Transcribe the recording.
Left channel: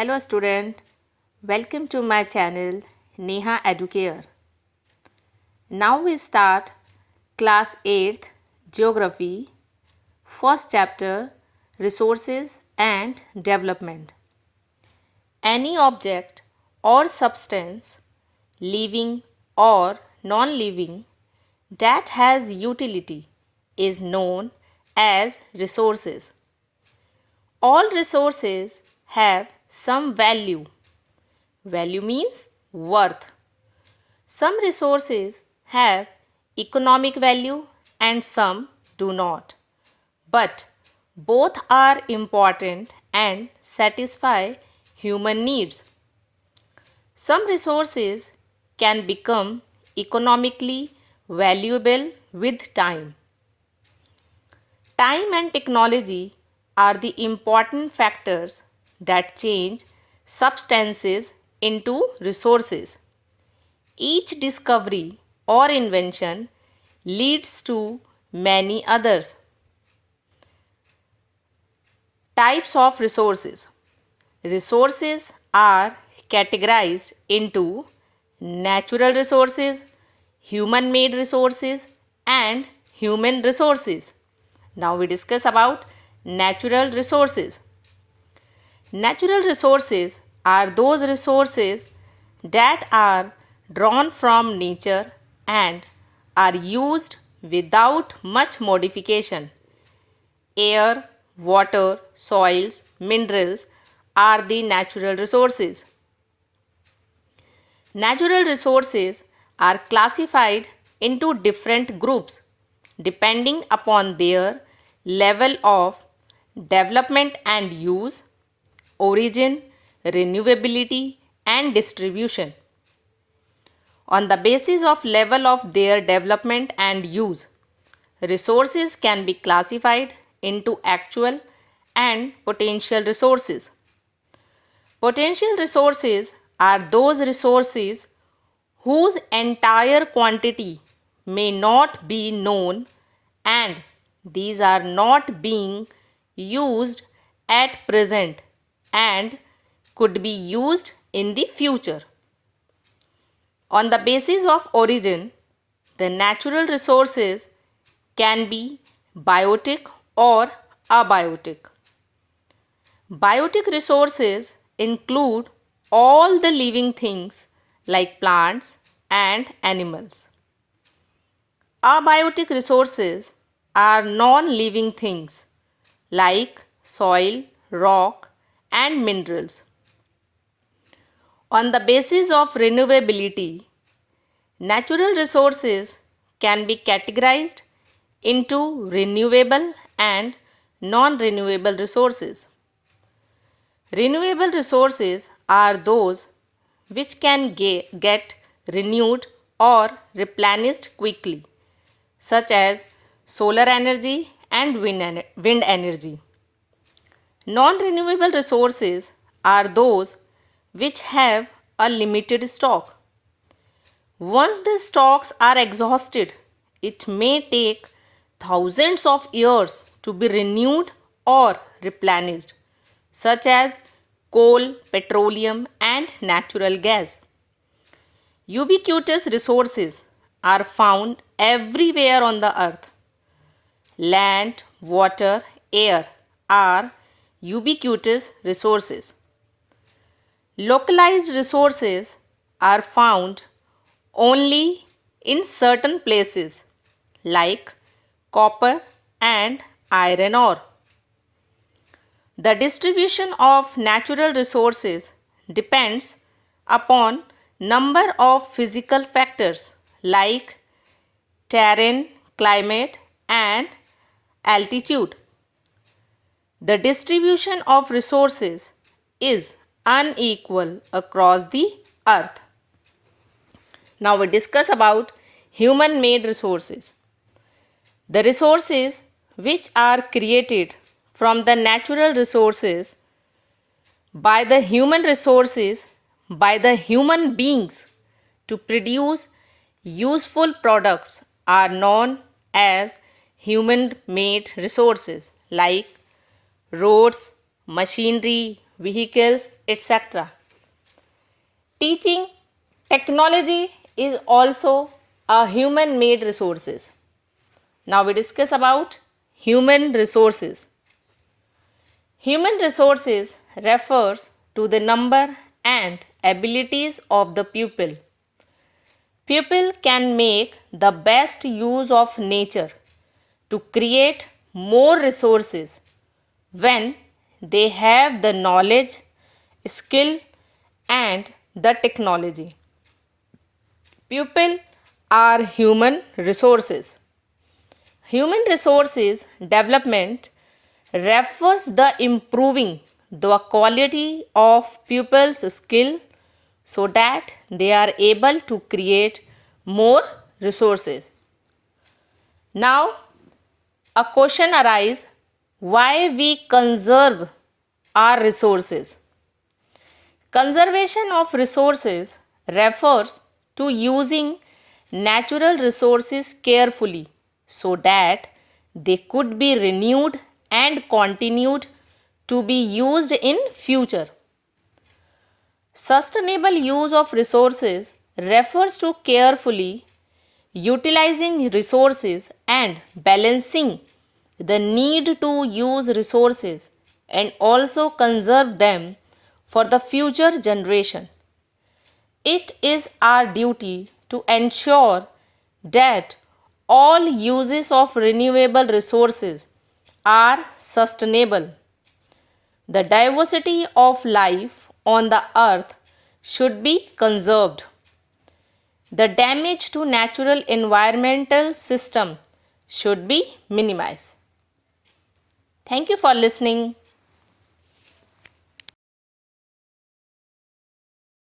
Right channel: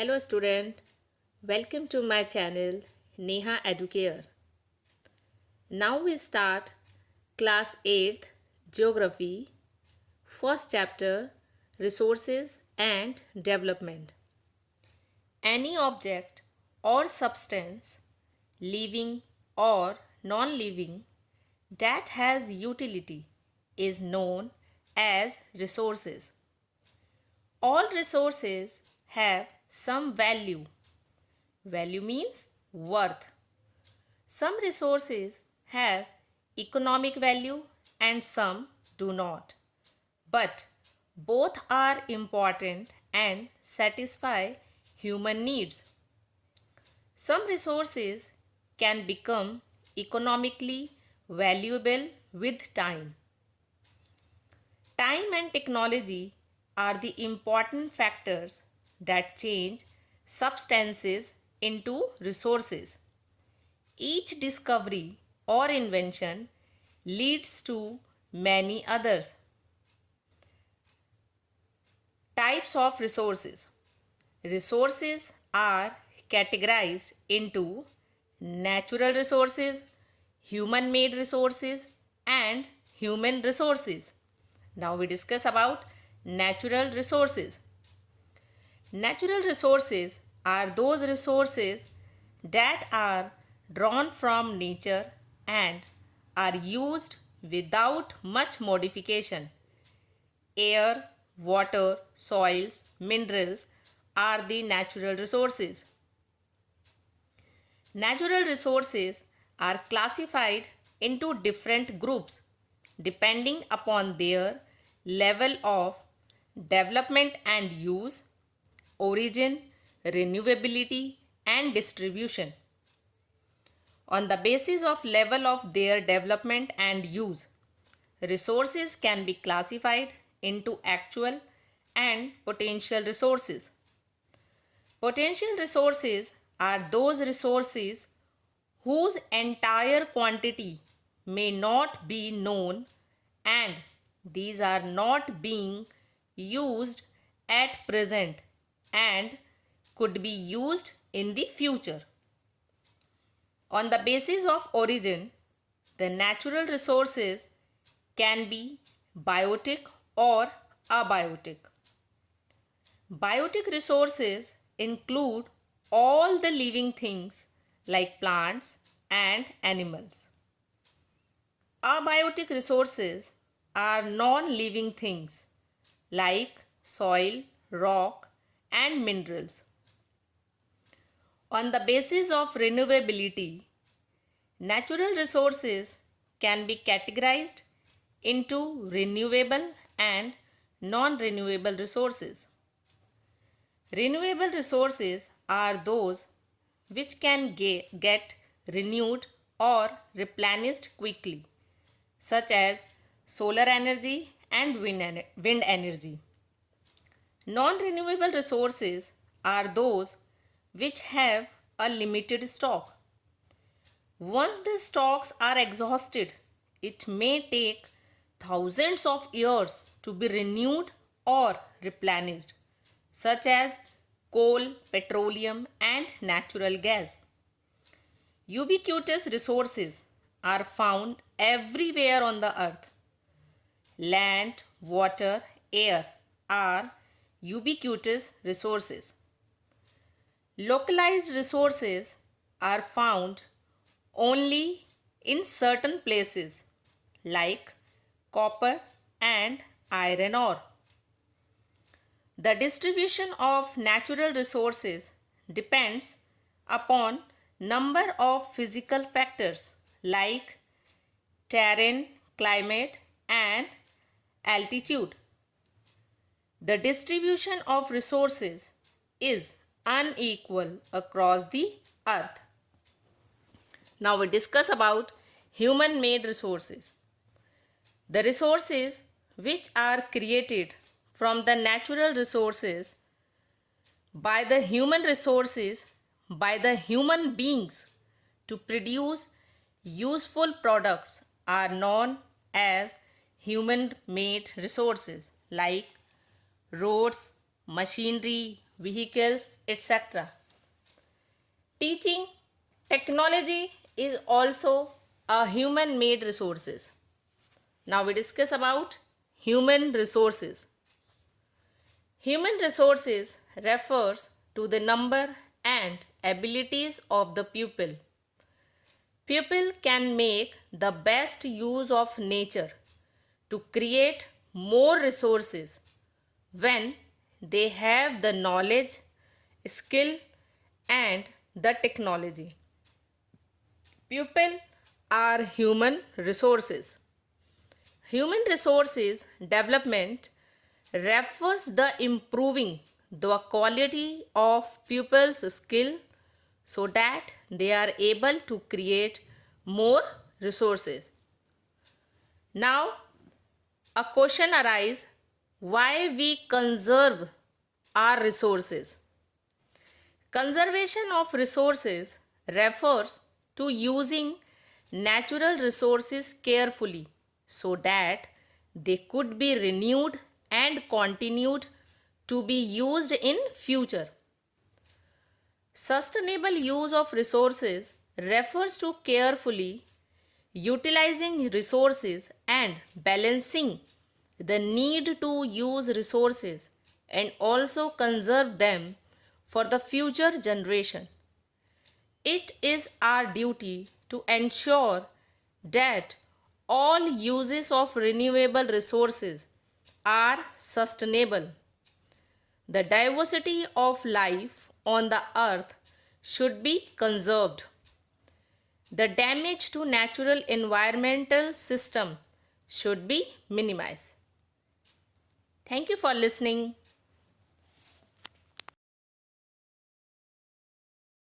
Hello student, welcome to my channel Neha Educare. Now we start class 8th Geography, first chapter Resources and Development. Any object or substance, living or non-living, that has utility is known as resources. All resources have some value. Value means worth. Some resources have economic value and some do not. But both are important and satisfy human needs. Some resources can become economically valuable with time. Time and technology are the important factors that change substances into resources. Each discovery or invention leads to many others. Types of resources. Resources are categorized into natural resources, human-made resources, and human resources. Now we discuss about natural resources. Natural resources are those resources that are drawn from nature and are used without much modification. Air, water, soils, minerals are the natural resources. Natural resources are classified into different groups depending upon their level of development and use, origin, renewability, and distribution. On the basis of level of their development and use, resources can be classified into actual and potential resources. Potential resources are those resources whose entire quantity may not be known and these are not being used at present and could be used in the future. On the basis of origin, the natural resources can be biotic or abiotic. Biotic resources include all the living things like plants and animals. Abiotic resources are non-living things like soil, rock, and minerals. On the basis of renewability, natural resources can be categorized into renewable and non-renewable resources. Renewable resources are those which can get renewed or replenished quickly, such as solar energy and wind energy. Non-renewable resources are those which have a limited stock. Once the stocks are exhausted, it may take thousands of years to be renewed or replenished, such as coal, petroleum, and natural gas. Ubiquitous resources are found everywhere on the earth. Land, water, air are ubiquitous resources. Localized resources are found only in certain places like copper and iron ore. The distribution of natural resources depends upon number of physical factors like terrain, climate, and altitude. The distribution of resources is unequal across the earth. Now we discuss about human-made resources. The resources which are created from the natural resources by the human beings to produce useful products are known as human-made resources like roads, machinery, vehicles, etc. Teaching technology is also a human made resources. Now we discuss about human resources. Human resources refers to the number and abilities of the pupil. Pupil can make the best use of nature to create more resources when they have the knowledge, skill, and the technology. Pupil are human resources. Human resources development refers the improving the quality of pupils' skill so that they are able to create more resources. Now, a question arises, why we conserve our resources? Conservation of resources refers to using natural resources carefully so that they could be renewed and continued to be used in future. Sustainable use of resources refers to carefully utilizing resources and balancing the need to use resources and also conserve them for the future generation. It is our duty to ensure that all uses of renewable resources are sustainable. The diversity of life on the earth should be conserved. The damage to natural environmental system should be minimized. Thank you for listening.